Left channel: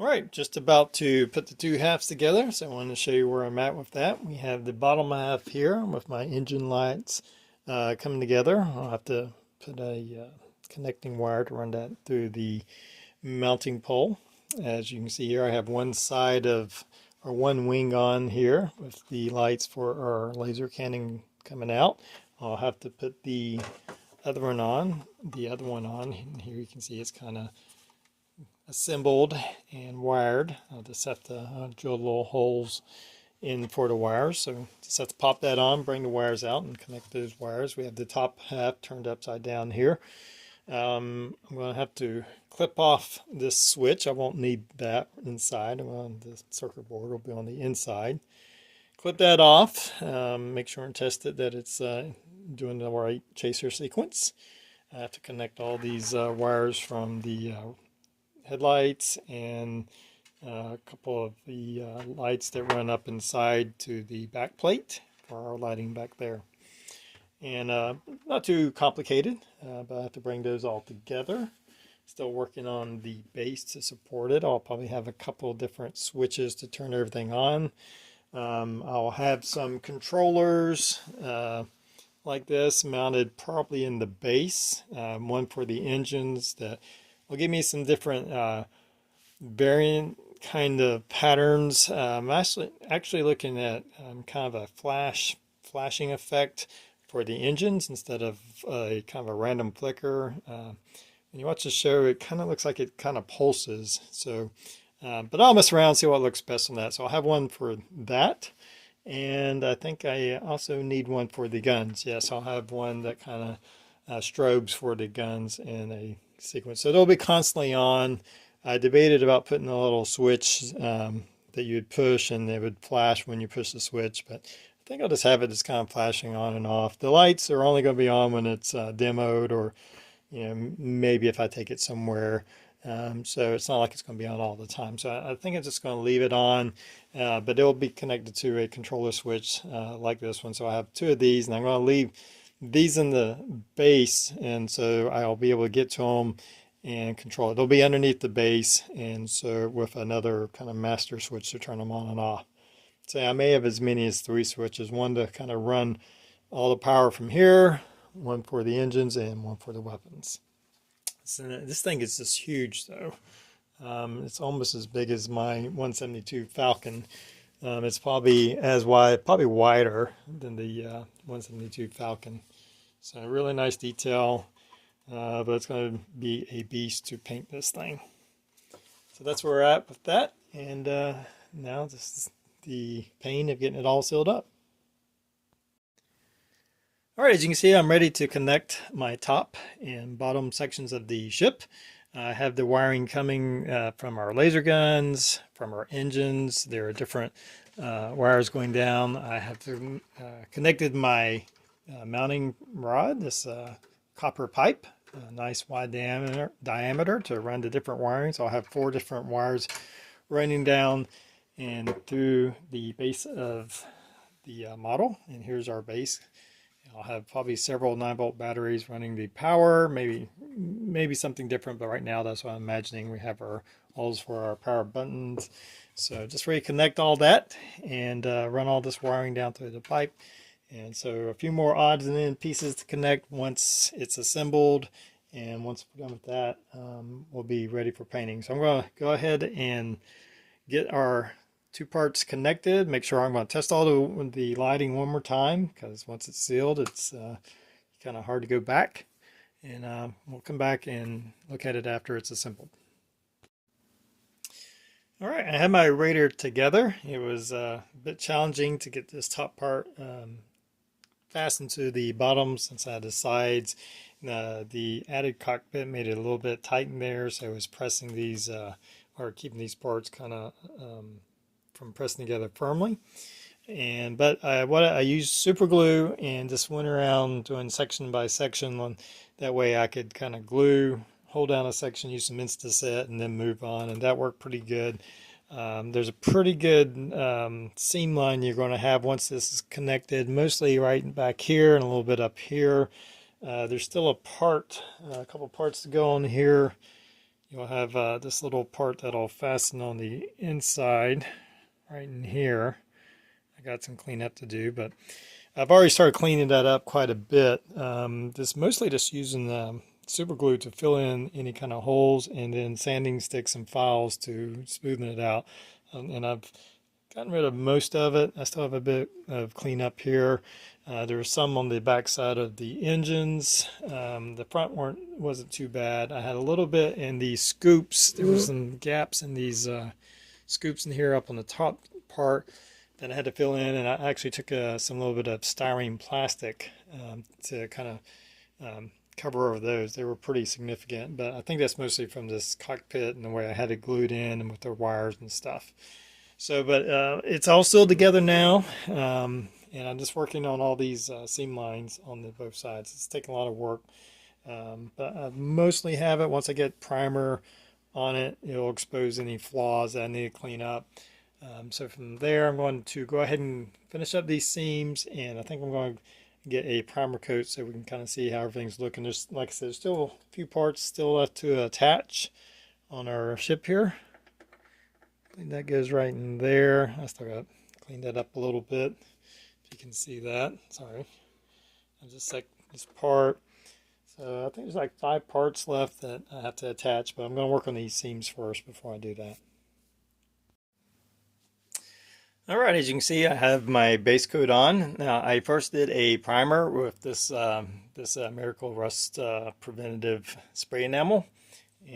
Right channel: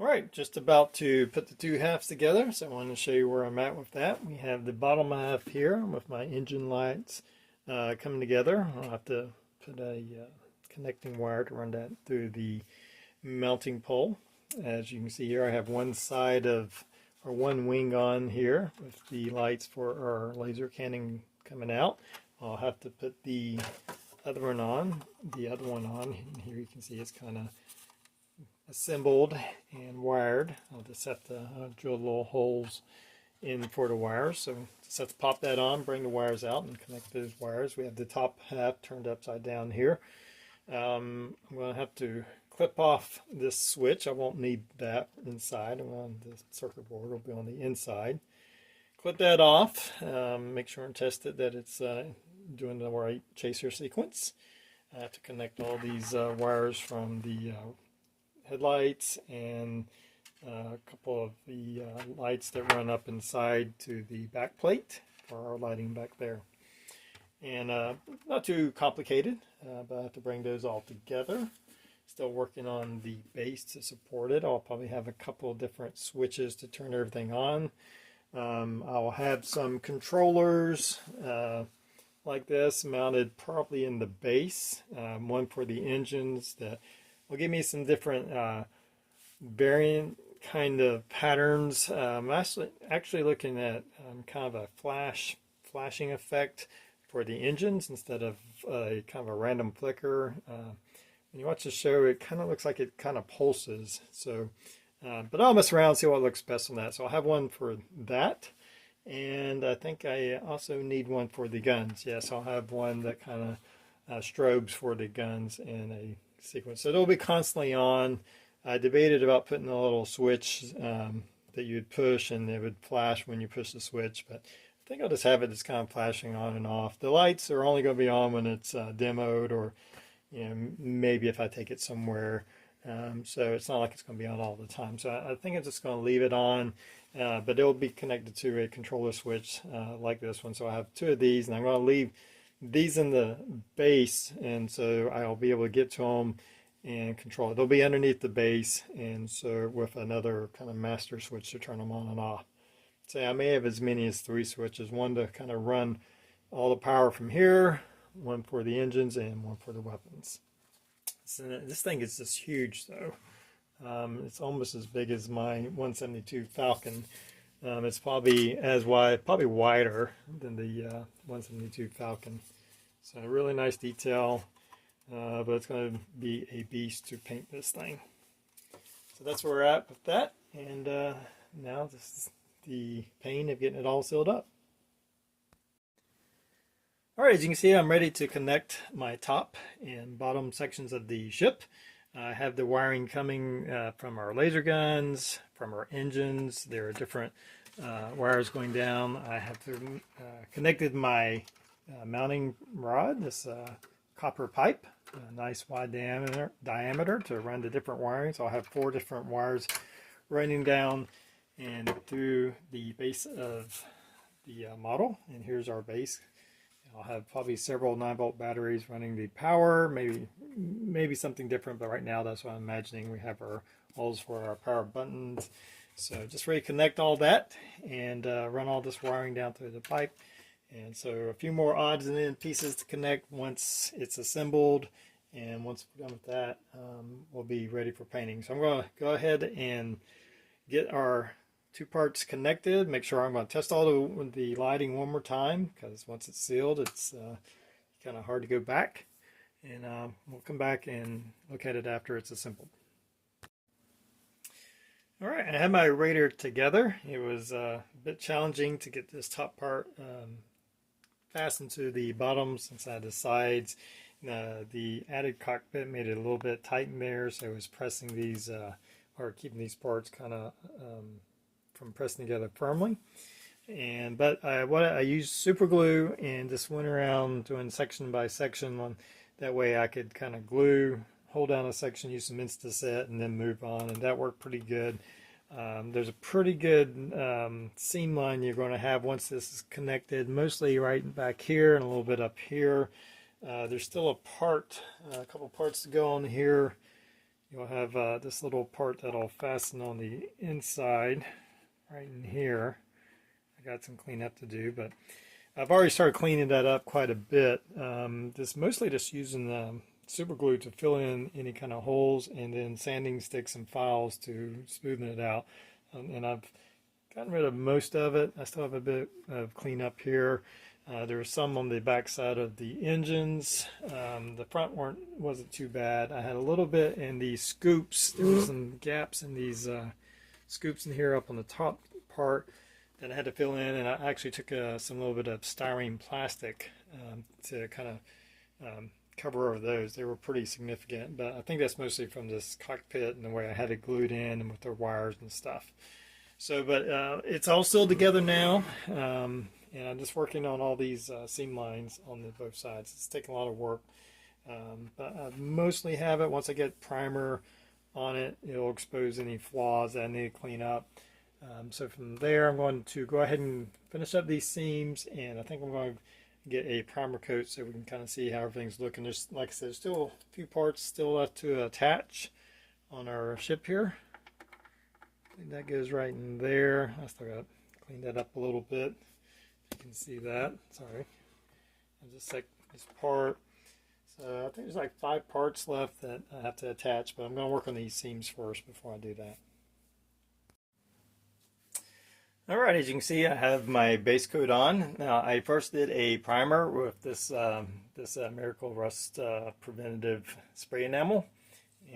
All right, just about to put the two halves together, so I want to show you where I'm at with that. We have the bottom half here with my engine lights coming together. I'll have to put a connecting wire to run that through the mounting pole. As you can see here, I have one side of, or one wing on here with the lights for our laser cannon coming out. I'll have to put the other one on, and here you can see it's kind of assembled and wired. I'll just have to drill little holes in for the wires. So just have to pop that on, bring the wires out, and connect those wires. We have the top half turned upside down here. I'm going to have to clip off this switch. I won't need that inside. The circuit board will be on the inside. Clip that off. Make sure and test it that it's doing the right chaser sequence. I have to connect all these wires from the headlights and a couple of the lights that run up inside to the back plate for our lighting back there. And not too complicated, but I have to bring those all together. Still working on the base to support it. I'll probably have a couple different switches to turn everything on. I'll have some controllers like this mounted probably in the base, one for the engines that will give me some different variant kind of patterns. I'm actually looking at kind of a flashing effect for the engines instead of a kind of a random flicker. When you watch the show, it kind of looks like it kind of pulses. So, but I'll mess around, see what looks best on that. So I'll have one for that. And I think I also need one for the guns. Yes, I'll have one that kind of strobes for the guns in a sequence. So they'll be constantly on. I debated about putting a little switch that you would push and it would flash when you push the switch, but I think I'll just have it just kind of flashing on and off. The lights are only going to be on when it's demoed, or maybe if I take it somewhere. So it's not like it's going to be on all the time. So I think I'm just going to leave it on, but it'll be connected to a controller switch like this one. So I have two of these, and I'm going to leave these in the base, and so I'll be able to get to them and control it. They'll be underneath the base, and so with another kind of master switch to turn them on and off. So I may have as many as 3 switches, one to kind of run all the power from here, one for the engines, and one for the weapons. So this thing is just huge, though. It's almost as big as my 172 Falcon. It's probably as wide, probably wider than the 172 Falcon. So really nice detail, but it's going to be a beast to paint this thing. So that's where we're at with that, and now this is the pain of getting it all sealed up. All right, as you can see, I'm ready to connect my top and bottom sections of the ship. I have the wiring coming from our laser guns, from our engines. There are different wires going down. I have connected my mounting rod, this copper pipe, a nice wide diameter to run the different wiring. So I'll have 4 different wires running down and through the base of the model. And here's our base. I'll have probably several 9-volt batteries running the power, maybe something different, but right now that's what I'm imagining. We have our holes for our power buttons. So just ready to connect all that and run all this wiring down through the pipe. And so a few more odds and ends pieces to connect once it's assembled. And once we're done with that, we'll be ready for painting. So I'm going to go ahead and get our 2 parts connected. Make sure I'm going to test all the lighting one more time, because once it's sealed, it's kind of hard to go back. And we'll come back and look at it after it's assembled. All right, I had my Raider together. It was a bit challenging to get this top part fastened to the bottom since I had the sides. The added cockpit made it a little bit tight in there, so I was pressing these or keeping these parts kind of from pressing together firmly. But I used super glue and just went around doing section by section. That way I could kind of hold down a section, use some Insta-Set, and then move on, and that worked pretty good. There's a pretty good seam line you're going to have once this is connected, mostly right back here and a little bit up here. There's still a couple parts to go on here. you'll have this little part that'll fasten on the inside right in here. I got some cleanup to do, but I've already started cleaning that up quite a bit. This mostly just using super glue to fill in any kind of holes, and then sanding sticks and files to smoothen it out. And I've gotten rid of most of it. I still have a bit of cleanup here. There's some on the back side of the engines. The front wasn't too bad. I had a little bit in these scoops. There were some gaps in these scoops in here up on the top part that I had to fill in, and I actually took some little bit of styrene plastic to kind of cover over those. They were pretty significant, but I think that's mostly from this cockpit and the way I had it glued in and with the wires and stuff. So, but it's all still together now. And I'm just working on all these seam lines on both sides. It's taking a lot of work, but I mostly have it. Once I get primer on it, it'll expose any flaws that I need to clean up. So from there, I'm going to go ahead and finish up these seams, and I think I'm going to get a primer coat so we can kind of see how everything's looking. There's, like I said, there's still a few parts still left to attach on our ship here. I think that goes right in there. I still got to clean that up a little bit. You can see that. Sorry, I just like this part. So I think there's like 5 parts left that I have to attach, but I'm going to work on these seams first before I do that. All right, as you can see, I have my base coat on. Now, I first did a primer with this Miracle Rust preventative spray enamel,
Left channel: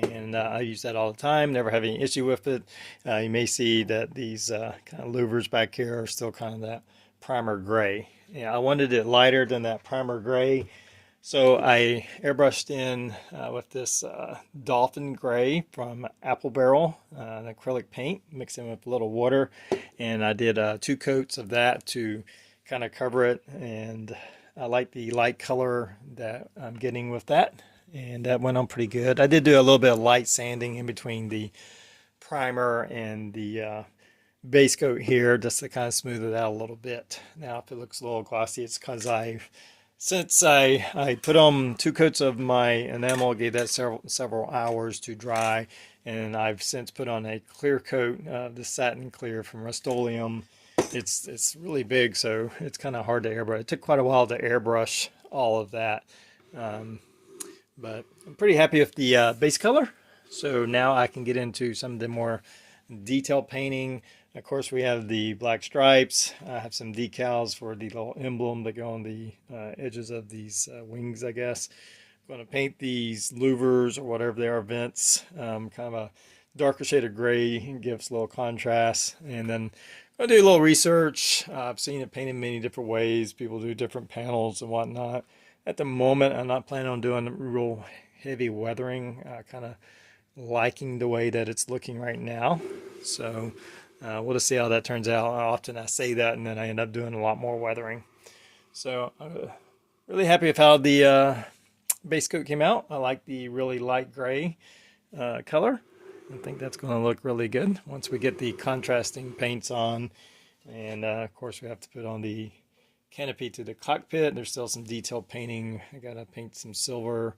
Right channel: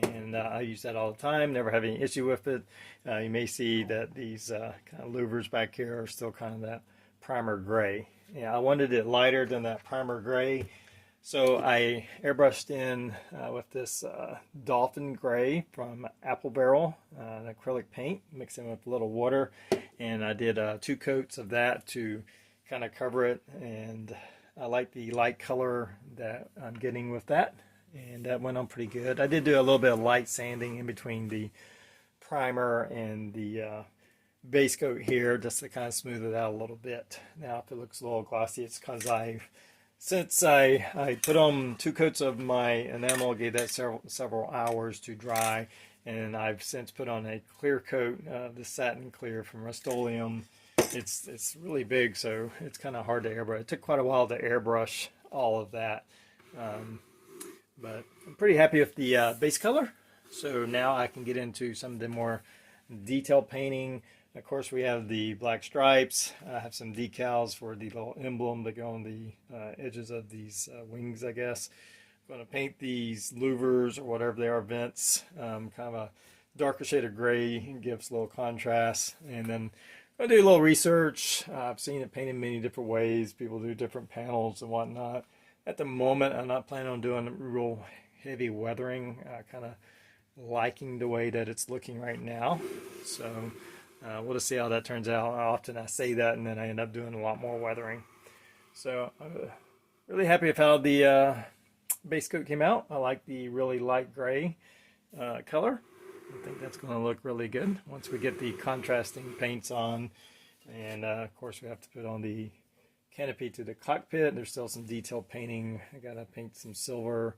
and I use that all the time. Never have any issue with it. You may see that these kind of louvers back here are still kind of that primer gray. Yeah, I wanted it lighter than that primer gray, so I airbrushed in with this Dolphin Gray from Apple Barrel, an acrylic paint, mixed in with a little water, and I did 2 coats of that to kind of cover it. And I like the light color that I'm getting with that, and that went on pretty good. I did do a little bit of light sanding in between the primer and the base coat here just to kind of smooth it out a little bit. Now if it looks a little glossy, it's because since I put on 2 coats of my enamel, gave that several hours to dry, and I've since put on a clear coat, the satin clear from Rust-Oleum. It's really big, so it's kind of hard to airbrush. It took quite a while to airbrush all of that, but I'm pretty happy with the base color. So now I can get into some of the more detailed painting. Of course, we have the black stripes. I have some decals for the little emblem that go on the edges of these wings, I guess. I'm going to paint these louvers, or whatever they are, vents, kind of a darker shade of gray. It gives a little contrast. And then I do a little research. I've seen it painted many different ways. People do different panels and whatnot. At the moment, I'm not planning on doing real heavy weathering. Kind of liking the way that it's looking right now. So we'll just see how that turns out. Often I say that and then I end up doing a lot more weathering. So I'm really happy with how the base coat came out. I like the really light gray color. I think that's going to look really good once we get the contrasting paints on. And of course we have to put on the canopy to the cockpit. There's still some detailed painting. I got to paint some silver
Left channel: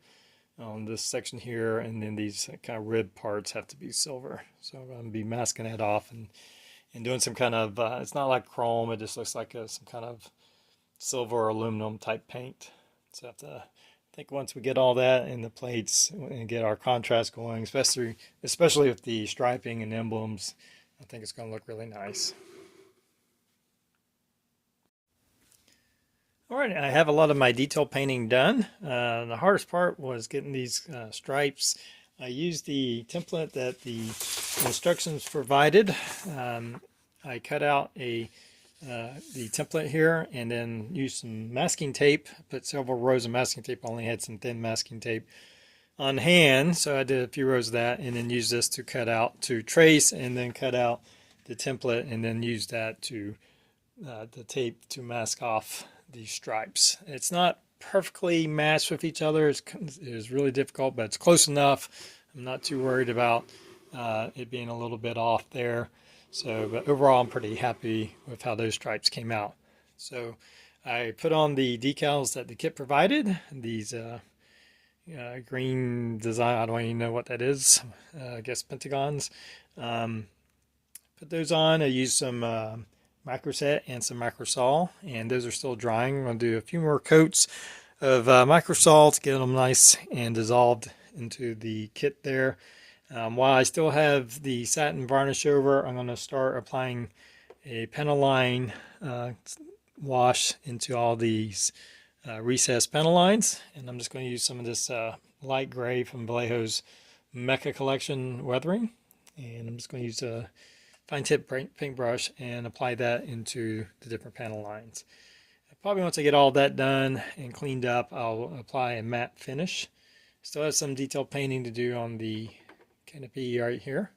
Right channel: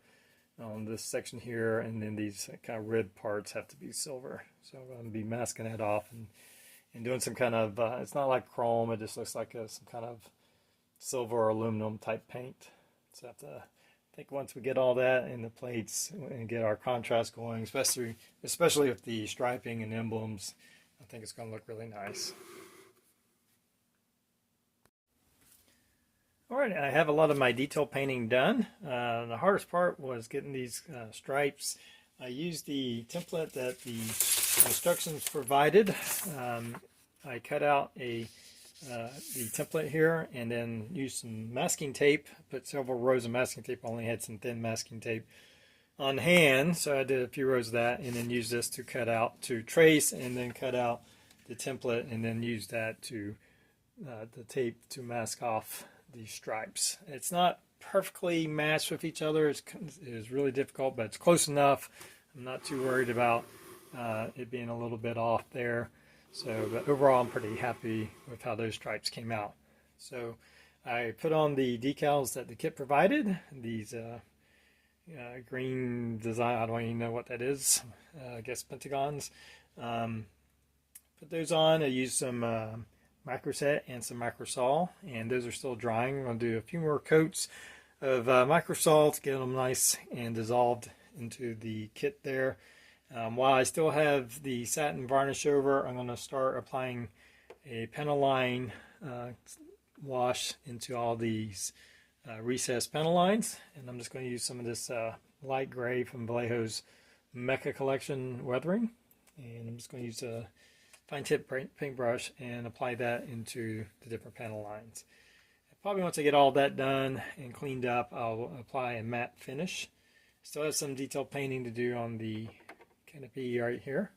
on this section here, and then these kind of rib parts have to be silver. So I'm going to be masking that off and doing some kind of, it's not like chrome, it just looks like some kind of silver or aluminum type paint. So I have to, I think once we get all that in the plates and get our contrast going, especially with the striping and emblems, I think it's going to look really nice. All right, I have a lot of my detail painting done. The hardest part was getting these stripes. I used the template that the instructions provided. I cut out the template here and then used some masking tape. Put several rows of masking tape. I only had some thin masking tape on hand, so I did a few rows of that, and then used this to cut out, to trace, and then cut out the template, and then use that to the tape to mask off these stripes. It's not perfectly matched with each other. It's really difficult, but it's close enough. I'm not too worried about it being a little bit off there. So, but overall, I'm pretty happy with how those stripes came out. So I put on the decals that the kit provided. These green design. I don't even know what that is. I guess pentagons. Um, Put those on. I used some microset and some microsol, and those are still drying. I'm going to do a few more coats of microsol to get them nice and dissolved into the kit there. While I still have the satin varnish over, I'm going to start applying a Pentaline wash into all these recessed Pentalines, and I'm just going to use some of this light gray from Vallejo's Mecha Collection weathering, and I'm just going to use a fine tip paintbrush and apply that into the different panel lines. Probably once I get all that done and cleaned up, I'll apply a matte finish. Still have some detailed painting to do on the canopy right here,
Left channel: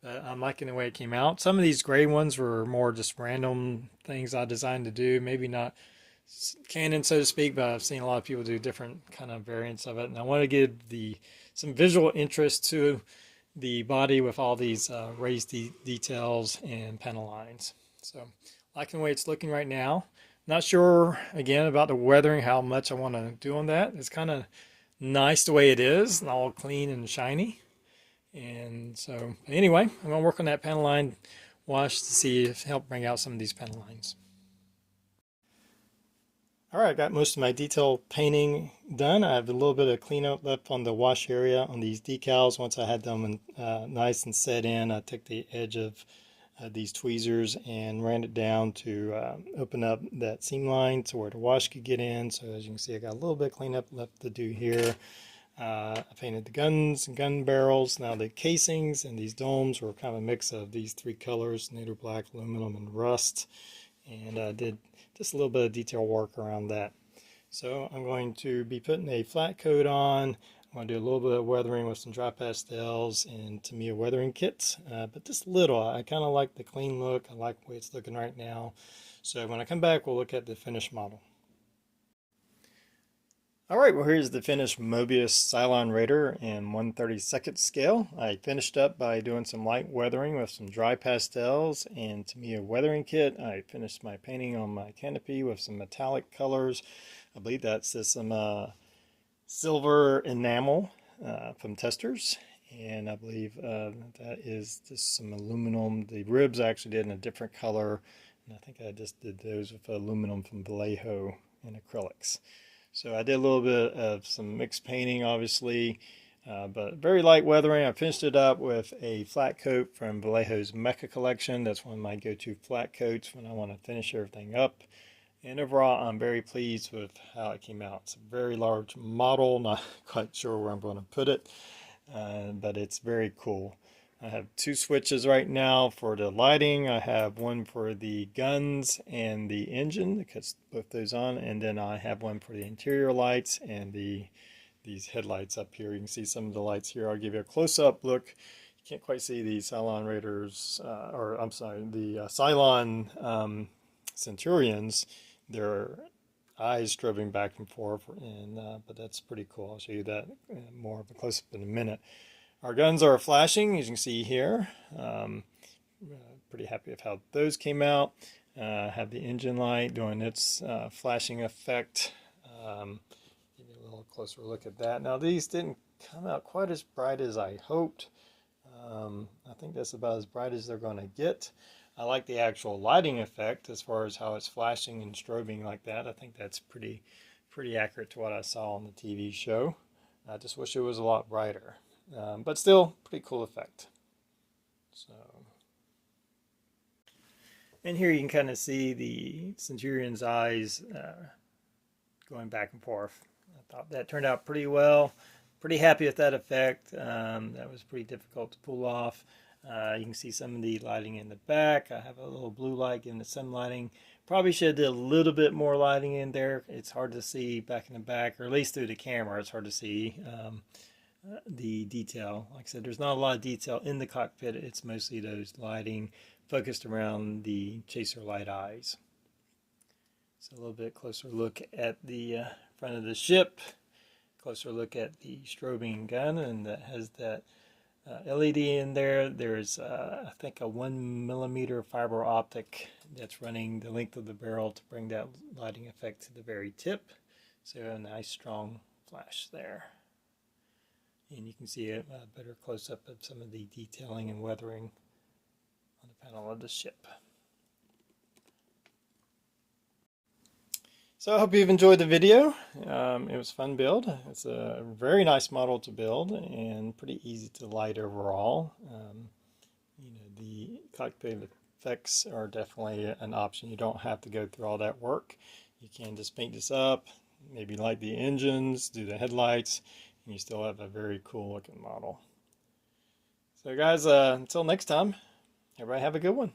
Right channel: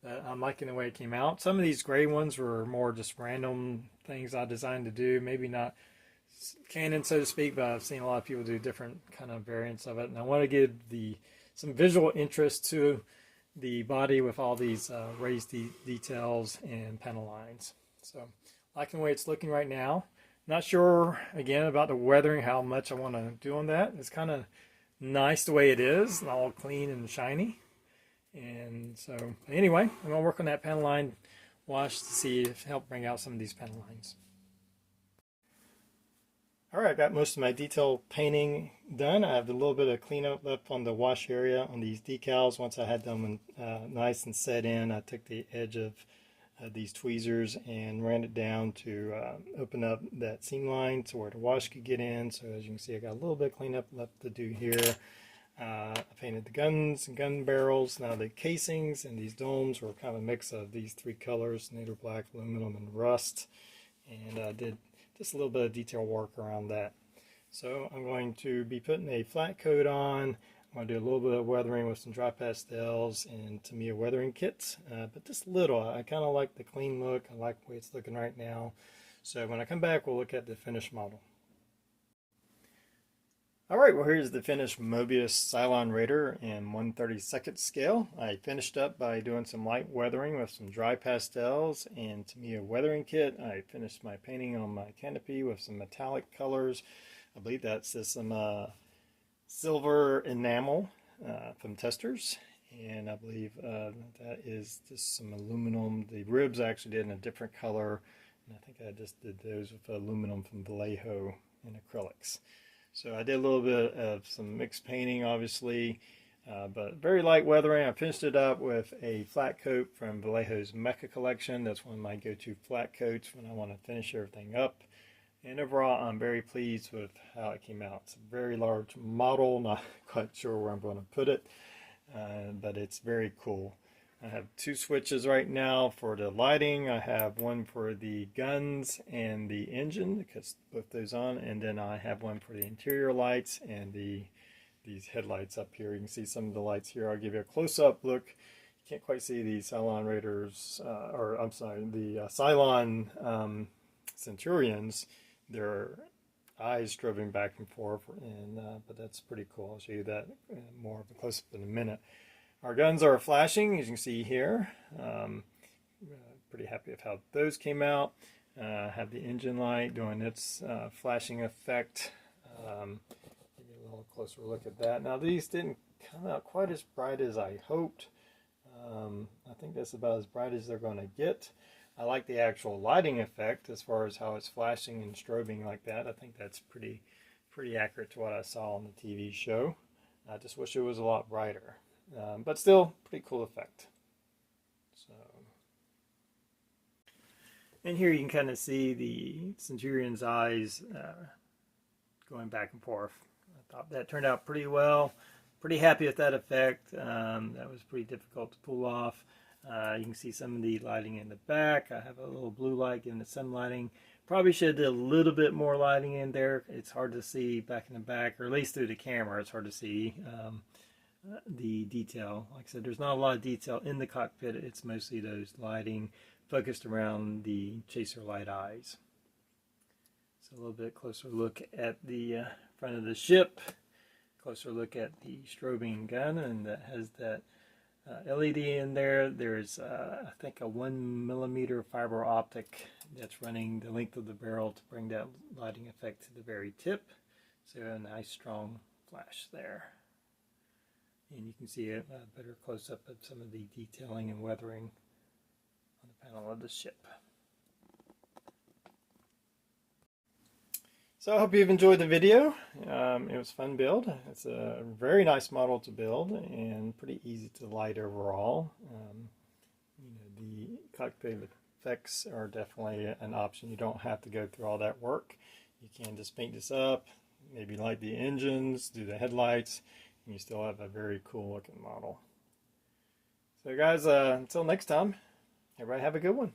but I'm liking the way it came out. Some of these gray ones were more just random things I designed to do, maybe not canon so to speak, but I've seen a lot of people do different kind of variants of it, and I want to give some visual interest to the body with all these raised details and panel lines. So liking the way it's looking right now. Not sure again about the weathering, how much I want to do on that. It's kind of nice the way it is, all clean and shiny. And so anyway, I'm going to work on that panel line wash to see if help bring out some of these panel lines. Alright, got most of my detail painting done. I have a little bit of cleanup left on the wash area on these decals. Once I had them nice and set in, I took the edge of these tweezers and ran it down to open up that seam line to where the wash could get in. So as you can see, I got a little bit of cleanup left to do here. I painted the guns and gun barrels. Now the casings and these domes were kind of a mix of these three colors, native black, aluminum, and rust. And I did just a little bit of detail work around that. So I'm going to be putting a flat coat on. I'm going to do a little bit of weathering with some dry pastels and Tamiya weathering kits, but just little. I kind of like the clean look. I like the way it's looking right now. So when I come back, we'll look at the finished model. Alright, well here's the finished Mobius Cylon Raider in 1/32 scale. I finished up by doing some light weathering with some dry pastels and Tamiya weathering kit. I finished my painting on my canopy with some metallic colors. I believe that's some silver enamel from Testers, and I believe that is just some aluminum. The ribs I actually did in a different color, and I think I just did those with aluminum from Vallejo and acrylics. So I did a little bit of some mixed painting, obviously, but very light weathering. I finished it up with a flat coat from Vallejo's Mecha Collection. That's one of my go-to flat coats when I want to finish everything up. And overall, I'm very pleased with how it came out. It's a very large model, not quite sure where I'm going to put it, but it's very cool. I have two switches right now for the lighting. I have one for the guns and the engine, because both those on, and then I have one for the interior lights and these headlights up here. You can see some of the lights here. I'll give you a close-up look. You can't quite see the Cylon Raiders, or I'm sorry, the Cylon Centurions. Their eyes strobing back and forth, and but that's pretty cool. I'll show you that more of a close-up in a minute. Our guns are flashing, as you can see here. Pretty happy with how those came out. Have the engine light doing its flashing effect. Give you a little closer look at that. Now these didn't come out quite as bright as I hoped. I think that's about as bright as they're going to get. I like the actual lighting effect as far as how it's flashing and strobing like that. I think that's pretty accurate to what I saw on the TV show. I just wish it was a lot brighter. But still, pretty cool effect. So, and here you can kind of see the Centurion's eyes going back and forth. I thought that turned out pretty well. Pretty happy with that effect. That was pretty difficult to pull off. You can see some of the lighting in the back. I have a little blue light giving it some lighting. Probably should have did a little bit more lighting in there. It's hard to see back in the back, or at least through the camera. It's hard to see the detail. Like I said, there's not a lot of detail in the cockpit. It's mostly those lighting focused around the chaser light eyes. So a little bit closer look at the front of the ship. Closer look at the strobing gun, and that has that LED in there. There's I think a 1mm fiber optic that's running the length of the barrel to bring that lighting effect to the very tip. So a nice strong flash there. and you can see a better close-up of some of the detailing and weathering on the panel of the ship. So I hope you've enjoyed the video. It was a fun build. It's a very nice model to build and pretty easy to light overall. The cockpit effects are definitely an option. You don't have to go through all that work. You can just paint this up, maybe light the engines, do the headlights, and you still have a very cool looking model. So guys, until next time, everybody have a good one.